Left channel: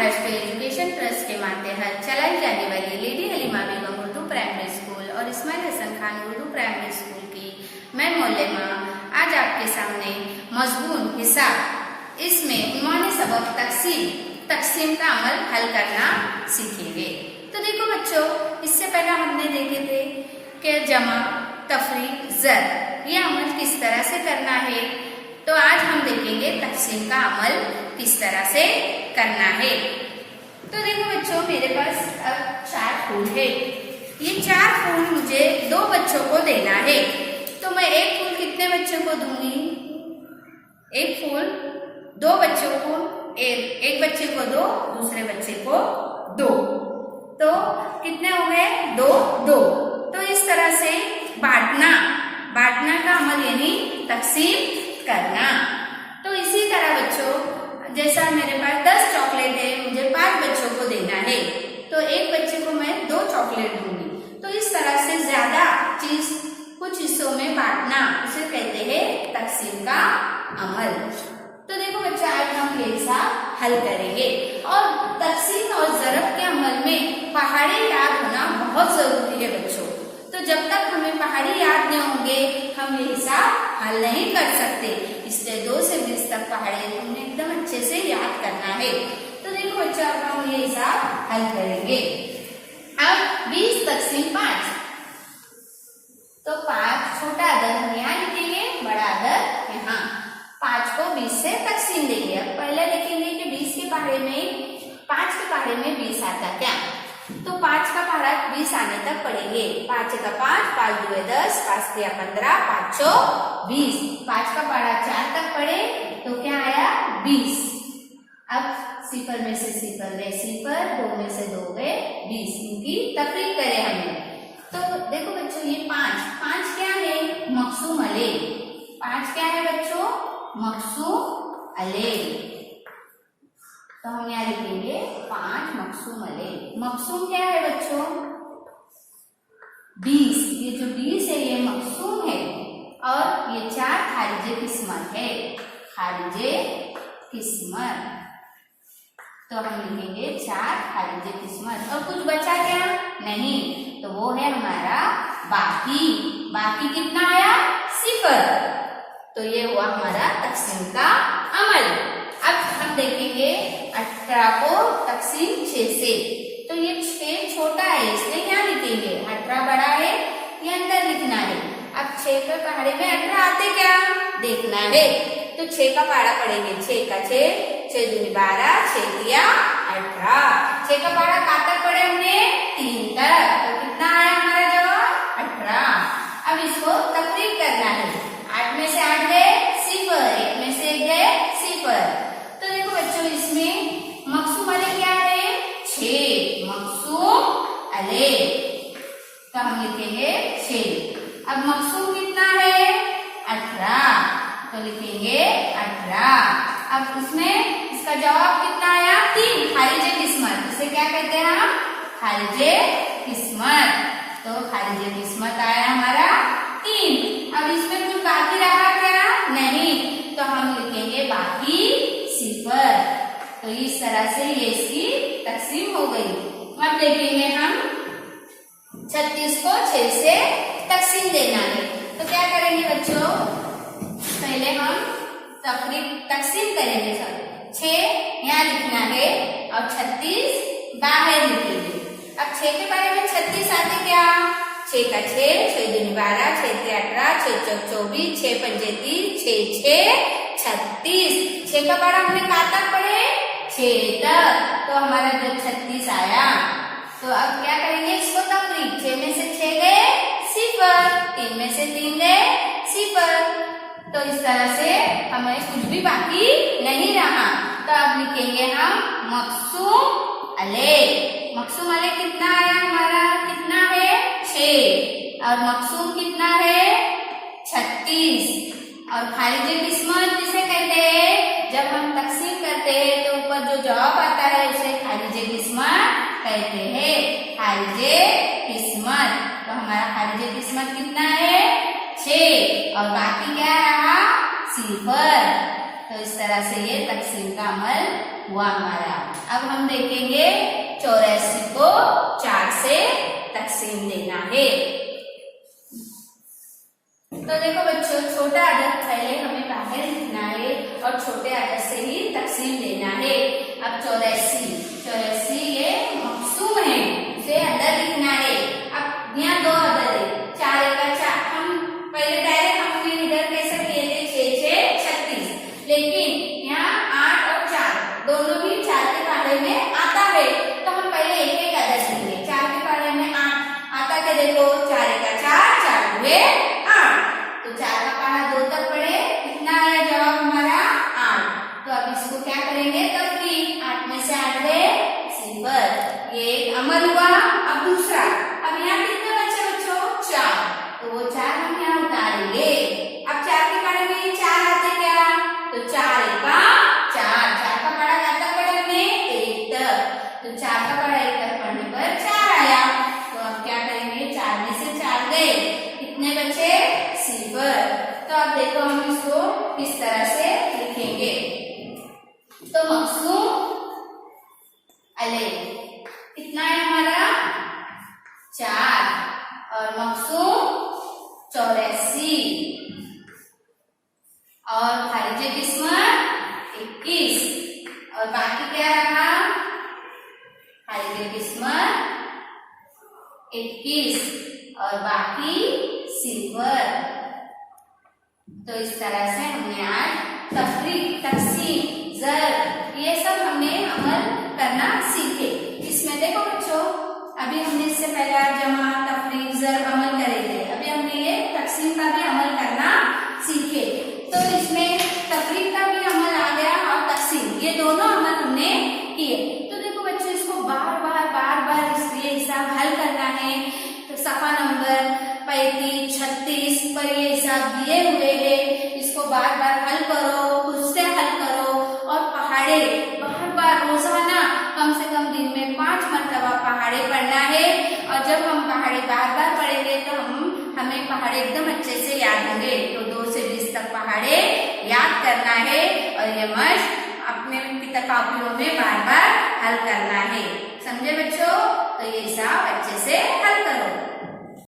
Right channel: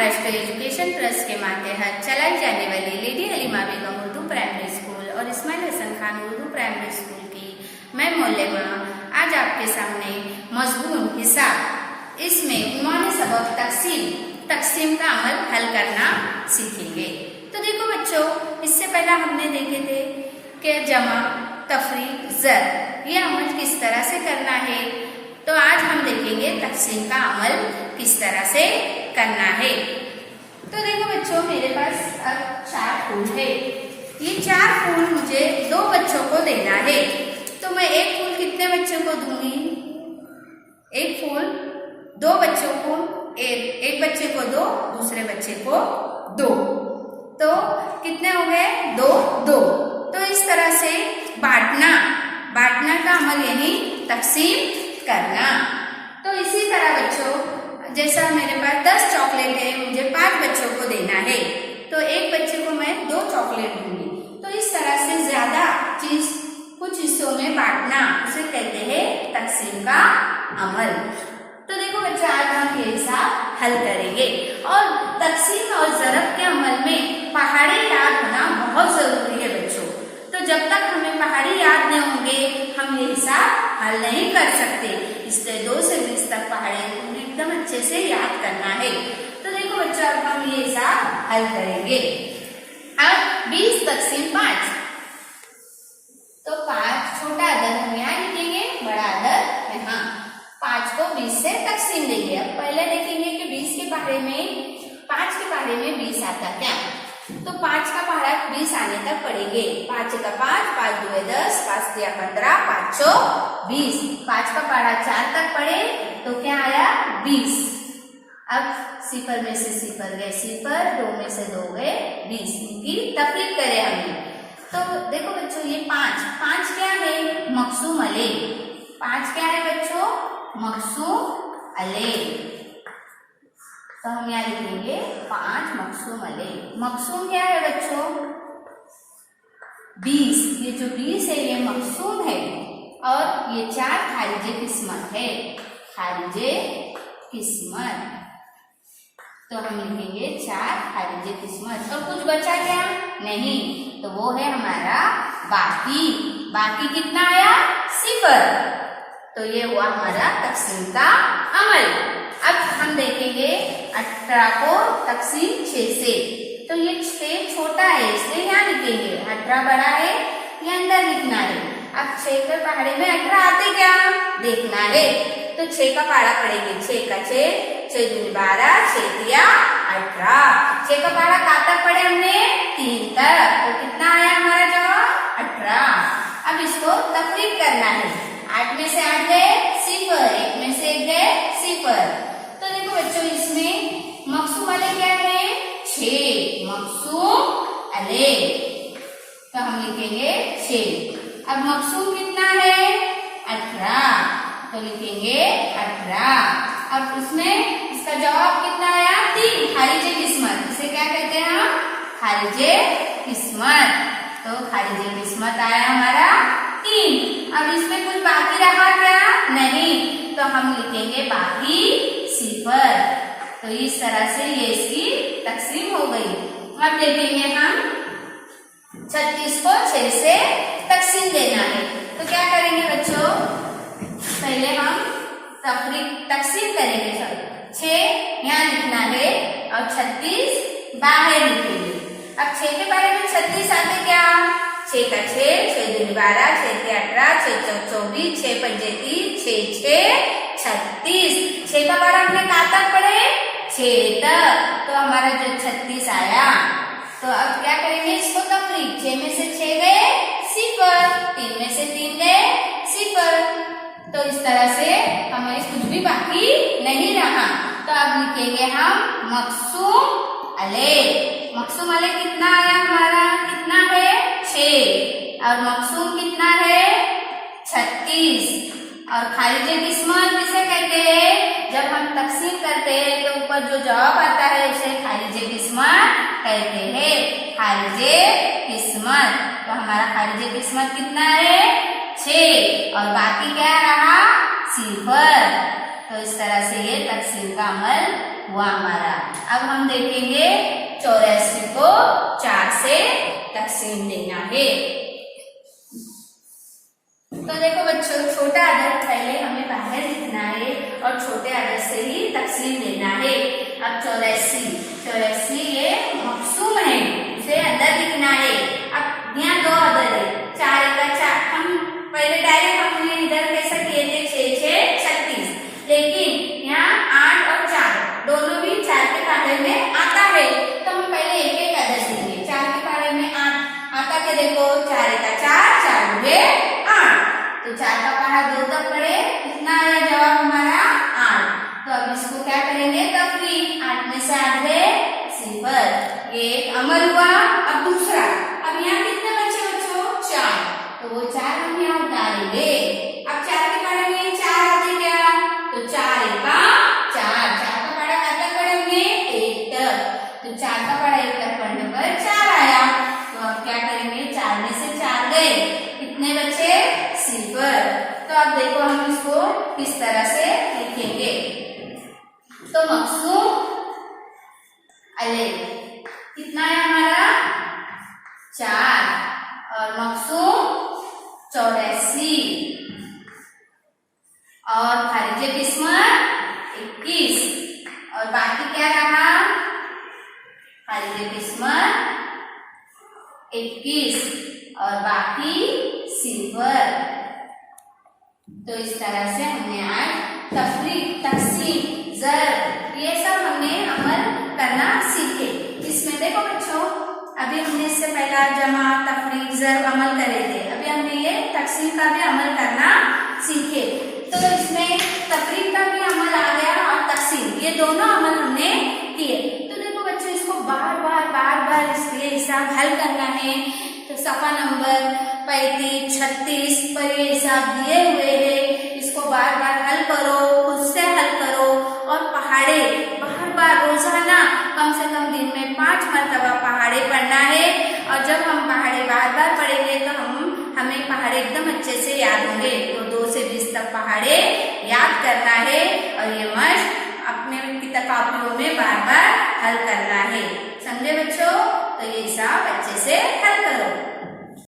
Maharashtra education trust के मातहत चलाई जाने वाली लेडी हलीमा बेगम उर्दू प्राइमरी स्कूल और इस्माइल हसन खान उर्दू प्राइमरी स्कूल की मैं मौलमा आज आपके सामने मजमून हिसाब इसमें उन्होंने सबक तकसीम का अमल हल करना सीखेंगे। तो देखो बच्चों, इससे पहले हमने देखे थे कि जमा, तफरीक, ज़र ये अमल किस तरह से करना है। तो आज हम देखेंगे तकसीम का अमल किस तरह से करना है। तो देखो बच्चों, मेरे पास अब 4 फूल है। ये 4 फूल मुझे 2 बच्चों को देना है। तो मैं एक फूल कितने बच्चों को दूंगी? एक फूल 2 बच्चों को, एक बच्चे को 2, दूसरे बच्चे को 2। तो कितने हो गए? 2। तो इस तरह से बांटना का अमल यानी तकसीम करना। तो इसी तरह बच्चों, जैसा मेरे पास 10 चॉकलेट है, मुझे 5 बच्चों को देना है, तो एक बच्चे को मैं 2 चॉकलेट दूंगी। तो इस तरह से ज्यादा चीज कुछ हिस्सों में बांटना, उसे कहते हैं तकसीम का अमल। तो देखो बच्चा, आज हम ये हिसाब हल करेंगे। और तकसीम और ज़रब के अमल में पहाड़ी याद होना बहुत जरूरी है बच्चों। तो जब तक हमें पहाड़ी याद नहीं होंगे, हम ये हिसाब हल नहीं कर सकते। इसलिए 2 से 20 तक पहाड़ी तुम्हें एकदम अच्छे से याद करना है। तो देखो बच्चों, अब हम ये हिसाब हल करेंगे। अब 20 तकसीम 5, तो 5 छोटा अदर हम यहाँ लिखेंगे, बड़ा अदर यहाँ। 5 को 20 से तकसीम देंगे। अब पहले देखेंगे कि 20 के पहाड़े में, 5 के पहाड़े में 20 आता क्या। तो 5 का पहाड़ा 20 आने तक पढ़ेंगे। 5 का 5, 5 2 10, 5 3 15, 5 6 20। 5 का पहाड़ा 4 तक पढ़े तो क्या आया? 20। अब 0 में से 0 गए 0, 2 में से 2 गए 20। इनकी तफरीक करें हमने। तो देखो बच्चों, ये 5 क्या है? मकसूम अले। 5 क्या है बच्चों? मकसूम अले। तो हम यहाँ लिखेंगे 5 मकसूम अले। मकसूम क्या है बच्चों? 20। ये जो 20 है ये मकसूम है, और ये 4 खारिजे किस्मत है। खारिजे किस्मत, तो हम लिखेंगे 4 खारिजे किस्मत। और कुछ बचा क्या? नहीं, तो वो है हमारा बाकी कितना आया? 0। तो ये हुआ हमारा तकसीम का अमल। अब हम देखेंगे 18 को तकसीम 6 से। तो ये 6 छोटा है, इसलिए यहाँ लिखेंगे। 18 बड़ा है, ये अंदर लिखना है। अब 6 के पहाड़े में 18 आते क्या देखना है। तो 6 का पहाड़ा पढ़ेंगे। 6 का 6, 6 दूनी 12, 6 3 18। 6 का पहाड़ा कहाँ तक पढ़े हमने? 3 तक। तो कितना आया हमारा जवाब? 18। अब इसको तफरीक करना है। 8 में से 8 गए 0, 1 में से 1 गए 0। तो देखो बच्चों, इसमें मकसूम अले क्या है? 6 मकसूम अले। तो हम लिखेंगे 6। अब मकसूम कितना है? 18, तो लिखेंगे 18। अब उसमें इसका जवाब कितना आया? 3। खारिजे किस्मत, इसे क्या कहते हैं हम? खारिजे किस्मत। तो खारिजे किस्मत आया हमारा 3। अब इसमें कुछ बाकी रहा क्या? नहीं, तो हम लिखेंगे बाकी 0। तो इस तरह से ये इसकी तकसीम हो गई। अब देखेंगे हम 36 को 6 से तकसीम देना है। तो क्या करेंगे बच्चों? पहले हम तकसीम करेंगे। सब 6 यहाँ लिखना है और 36 बाहर लिखेंगे। अब 6 के बारे में 36 आते क्या? 6 का 6, 6 दूनी 12, 6 3 18, 6 4 24, 6 5 30, 6 6 36। 6 का पहाड़ा हमने कहाँ तक पढ़े? 6 तक। तो हमारा जो 36 आया। तो अब क्या करेंगे? इसको तफरीक। 6 में से 6 गए 0, 3 में से 3 गए 0। तो इस तरह से हमें कुछ भी बाकी नहीं रहा। तो अब लिखेंगे हम मकसूम अले। मकसूम अले कितना आया हमारा? कितना है? 6। और मकसूम कितना है? 36। और खारिजे किस्मत किसे कहते हैं? जब हम तकसीम करते हैं तो ऊपर जो जवाब आता है उसे खारिजे किस्मत कहते हैं। खारिजे किस्मत। तो हमारा खारिजे किस्मत कितना है? 6। और बाकी क्या रहा? 0। तो इस तरह से ये तकसीम का अमल हुआ हमारा। अब हम देखेंगे 84 को 4 से तकसीम देना है। तो देखो बच्चों, छोटा अदद पहले हमें बाहर लिखना है और छोटे अदद से ही तकसीम देना है। अब 84 ये मकसूम है, इसे अंदर लिखना है। अब यहाँ दो अदद है, 4 का 4, हम पहले डायरेक्ट हमने इधर कैसा किए थे 6 6 36, लेकिन यहाँ 8 और 4 दोनों भी 4 के पहाड़े में आता है, तो हम पहले एक एक अदद लिखेंगे। 4 के पहाड़े में 8 आता के देखो, 4 का 4, 4 हुए 8, तो 4 का पहाड़ा 2 तक पढ़े, कितना आया जवाब हमारा 8। तो अब इसको क्या करेंगे, तफरीक, 8 में से 8 गए 0, ये एक अमल हुआ। अब दूसरा, अब यहाँ कितने बचे बच्चों, 4, तो वो 4 हम यहाँ उतारेंगे। अब 4 के पहाड़े में 4 आते क्या, तो 4 का 4, 4 का पहाड़ा कब तक पढ़े हमने, 1 तक, तो 4 का पहाड़ा 1 तक पढ़ने पर 4 आया। तो अब क्या करेंगे, 4 में से 4 गए, कितने बचे, 0। तो अब देखो हम इसको किस तरह से लिखेंगे। तो मकसूम अलग कितना है हमारा 4, और मकसूम 84, और खारिजे किस्मत 21, और बाकी क्या रहा, खारिजे किस्मत 21 और बाकी 0। तो इस तरह से हमने आज तफरीक, तकसीम, ज़र्ब, ये सब हमने अमल करना सीखे। इसमें देखो बच्चों, अभी हमने इससे पहला जमा, तफरीक, ज़र्ब अमल करे थे, अभी हमने ये तकसीम का भी अमल करना सीखे। तो इसमें तफरीक का भी अमल आ गया और तकसीम, ये दोनों अमल हमने किए। तो देखो बच्चों, इसको बार बार इसके हिसाब हल करना है। तो सफा नंबर 35 36 पर ये हिसाब दिए हुए हैं, इसको बार बार हल करो, खुद से हल करो, और पहाड़े बार रोजाना कम से कम दिन में 5 मरतबा पहाड़े पढ़ना है। और जब हम पहाड़े बार बार पढ़ेंगे तो हमें पहाड़े एकदम अच्छे से याद होंगे। तो 2 से 20 तक पहाड़े याद करना है, और ये मश्क अपने किताबों में बार बार हल करना है। समझे बच्चों? तो ये हिसाब अच्छे से हल करो।